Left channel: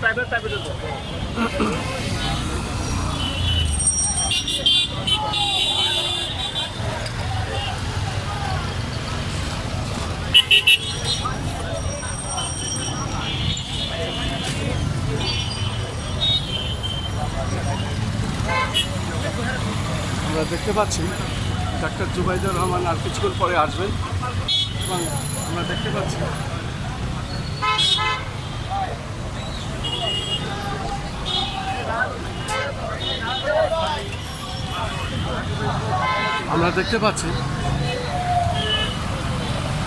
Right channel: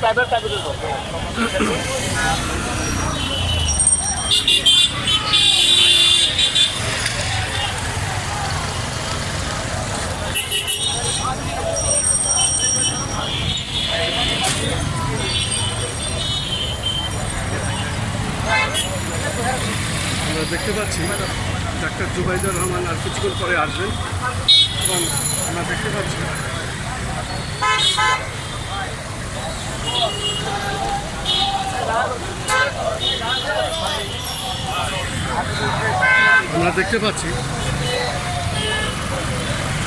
আমরা দেখতে পাচ্ছি ডাক্তার জুবাইদুর রহমান আর কিছুক্ষণ পরে আসবেন এবং আমরা দেখতে পাচ্ছি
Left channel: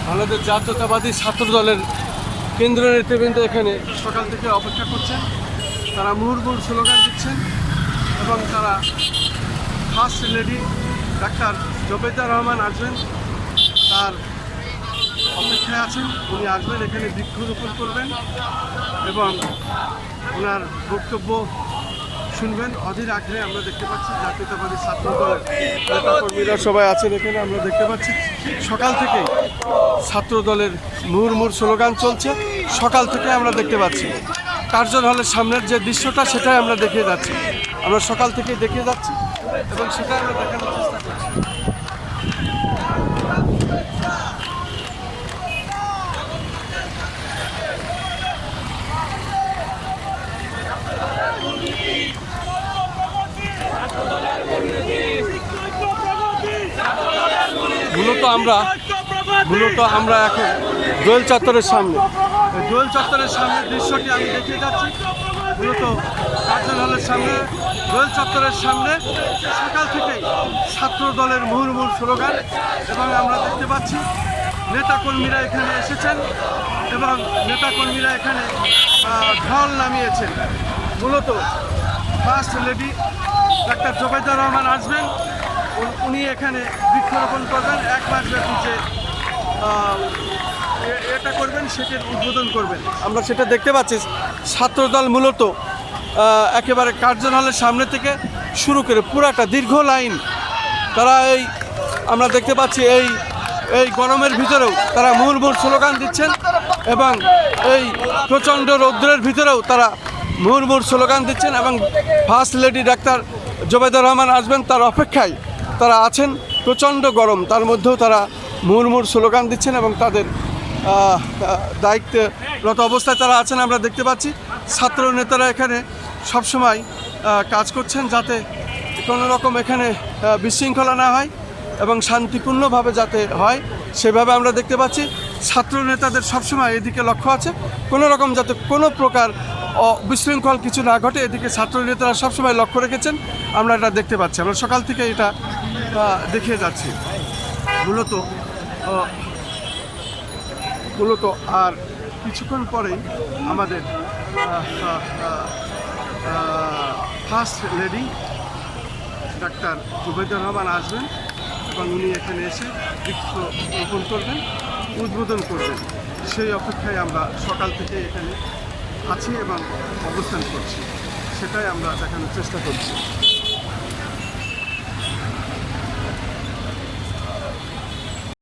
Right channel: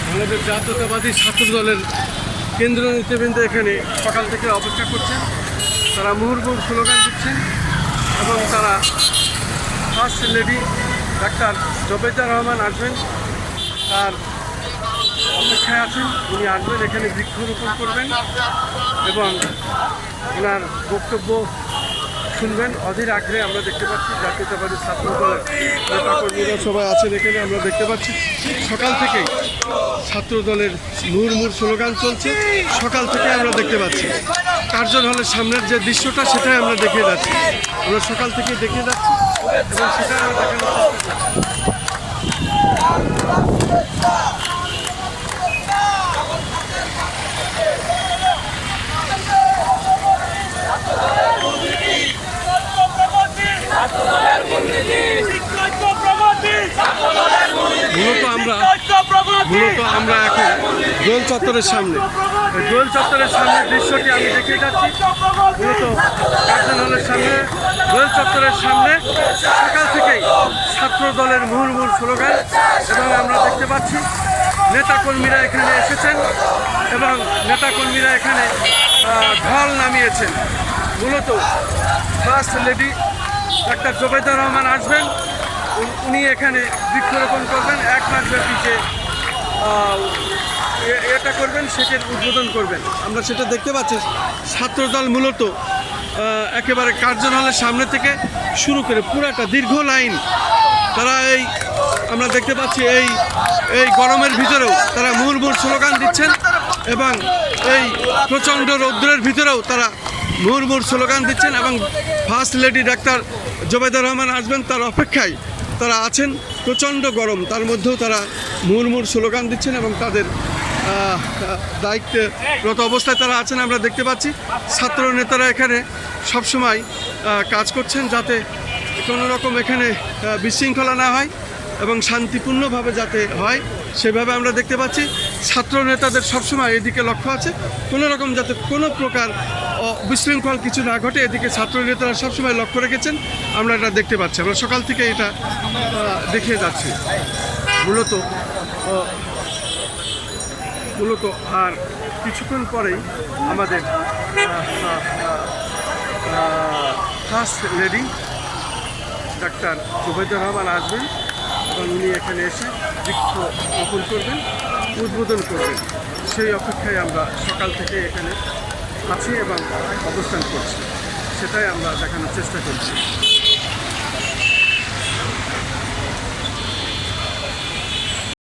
বাংলাদেশ জাতীয়তাবাদী ছাত্র দলের কেন্দ্রীয় নেতৃবৃন্দ এখানে সকাল থেকে অপেক্ষা করছেন। তারা মুহুর্মুহু স্লোগান দিচ্ছেন এবং তারা first lady doctor Zubaidur Rahman আসবেন তার অপেক্ষায় আছেন। উনি আসবেন, এখানে বৃক্ষরোপণ করবেন এবং ওনার বক্তব্য শুনবেন অধীর আগ্রহে। আমরা দেখতে পাচ্ছি জাতীয়তাবাদী ছাত্র দলের নেতাকর্মীরা সবাই আছেন এখানে। আমরা দেখতে পাচ্ছি সকাল থেকেই ছাত্র দলের মুহুর্মুহু স্লোগান চলছে। সকাল থেকে আমরা দেখতে পাচ্ছি কার্জন হলের সামনের যে দৃশ্যটা সেটাই আমরা দেখিয়ে যাচ্ছি। আমরা সকাল থেকে দেখিয়ে যাচ্ছি এবং সেটা আমরা দেখানোর চেষ্টা করছি। মূলত আমরা এখন দোয়েল চত্বরের সামনে, দোয়েল চত্বরের সামনের দৃশ্যটি আমি দেখিয়ে যাচ্ছি। মূলত কার্জন হলের সামনে, দোয়েল চত্বরের সামনে সকাল থেকেই ছাত্র দলের মুহুর্মুহু স্লোগান এবং আমরা দেখতে পাচ্ছি নেতাকর্মীরা এখানে এসেছেন এবং নেতাকর্মীরা এখানে ঢল নামিয়েছেন। মূলত first lady doctor Zubaidur Rahman আসবেন, উনি এখানে বৃক্ষরোপণ করবেন, 1 মাস ব্যাপী যে এটা করবেন সেটির উদ্বোধন করবেন। আমরা সেটা দেখতে পাচ্ছি। ছাত্রদল মূলত একেবারে কার্জন হলের সামনে থেকে শুরু করে পুরাটা দীর্ঘ লাইন তারা আমরা দেখতে পাচ্ছি এই গরমের ভিতরেও তারা মুহুর্মুহু স্লোগান দিচ্ছেন এবং এই প্রচণ্ড রৌদ্রের ভিতরেও তারা মুহুর্মুহু স্লোগান দিচ্ছেন এবং first lady doctor Zubaidur Rahman আসবেন তার অপেক্ষায় তারা আছেন। প্রচণ্ড গরম, তার মধ্যেও তারা মুহুর্মুহু স্লোগান দিচ্ছেন এবং তাদের দায়িত্বরত অবস্থায় তারা আছেন। আমরা দেখতে পাচ্ছি ছাত্র নেতারা এখানে সবসময় কাজ করছেন যাতে কোনো রকম এখানে বিশৃঙ্খলা না হয় এবং শান্তিপূর্ণভাবে যাতে হয় সেভাবে আমরা দেখতে পাচ্ছি। ছাত্র নেতাদের সবসময় এদিকে লক্ষ্য আছে, কোনো রকম যাতে কোনো প্রকার বিশৃঙ্খল কিছু না ঘটে, এদিকে ছাত্র নেতারা সবসময় লক্ষ্য রেখেছেন। আমরা এটা দেখতে পাচ্ছি, আমরা সকাল থেকে এটা দেখিয়ে যাচ্ছি। মূলত আর কিছুক্ষণ পরেই আমাদের first lady doctor Zubaidur Rahman আসবেন এবং উনি এখানে এসে বৃক্ষরোপণ করবেন, উদ্বোধন করবেন। সেই অপেক্ষায় আমরা সকাল থেকে এখানে আছি এবং অবস্থান করছি, সেটাই আমরা দেখানোর চেষ্টা করছি।